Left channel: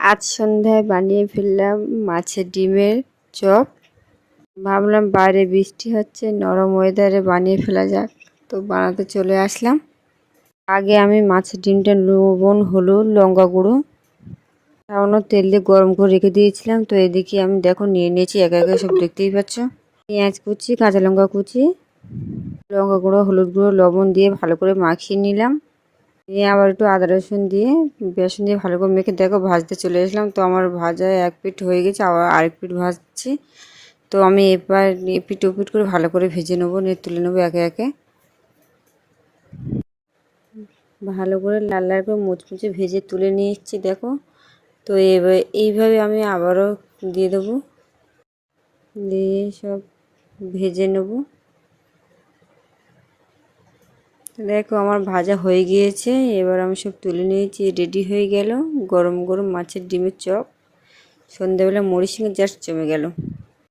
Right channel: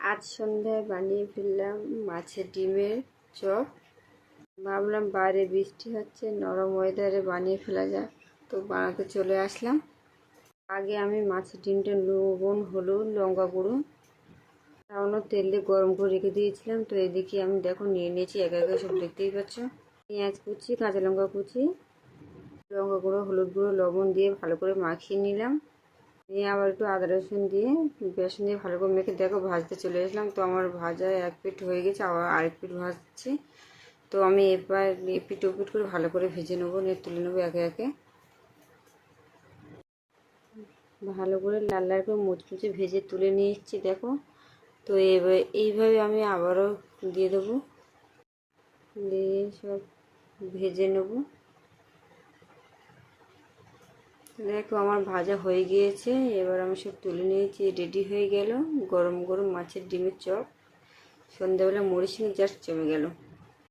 আজ সন্ধ্যায় বানিয়ে ফেললাম মাছের ডিমের চপ। ভাবলাম বাইরে বৃষ্টি হচ্ছে, নরম ওয়েদারে বানিয়ে ফেলা যাক, তো বানাতে চলে আসলাম। আগে আমি মাছের ডিমটা লবণ, হলুদ, লঙ্কা গুঁড়ো, সামান্য তেল দিয়ে গরম করে রেখে দিয়েছিলাম। তো এদিকে আমি দেখো নিয়ে নিয়েছি একে একে, সব দেখতেই পাচ্ছ। পেঁয়াজ কুচি, কাঁচা লঙ্কা কুচি, লঙ্কা গুঁড়ো, হলুদ গুঁড়ো, লবণ দিয়ে ভালো করে মাখিয়ে নিলাম। নিয়ে আবার একটু আদা রসুন দিয়ে, বেসন দিয়ে ভালো করে মেখে দেখো ভাজতে চলে আসলাম। তো আমার ভাজা এক পিঠ হয়ে গেছে, আবার আরেক পিঠ ভাজছি। তো আমি এবার এপিট ওপিট করে ভালো করে ভেজে নেবো, নিয়ে তুলে নেবো একে একে। ভালো করে লাল লাল করে মুচমুচে ভেজে তুলে নিচ্ছি দেখো। তো এইভাবে আমি আবারও দিয়ে দেবো, দিয়ে সব ভেজে নেবো। দেখো আমার ভাজা হয়ে গিয়েছে, এবার আমি সব তুলে নিয়েছি, রেডি হয়ে গেল গরম গরম মাছের ডিমের চপ। সন্ধ্যাবেলা মুড়ির সঙ্গে জাস্ট জমে গেল।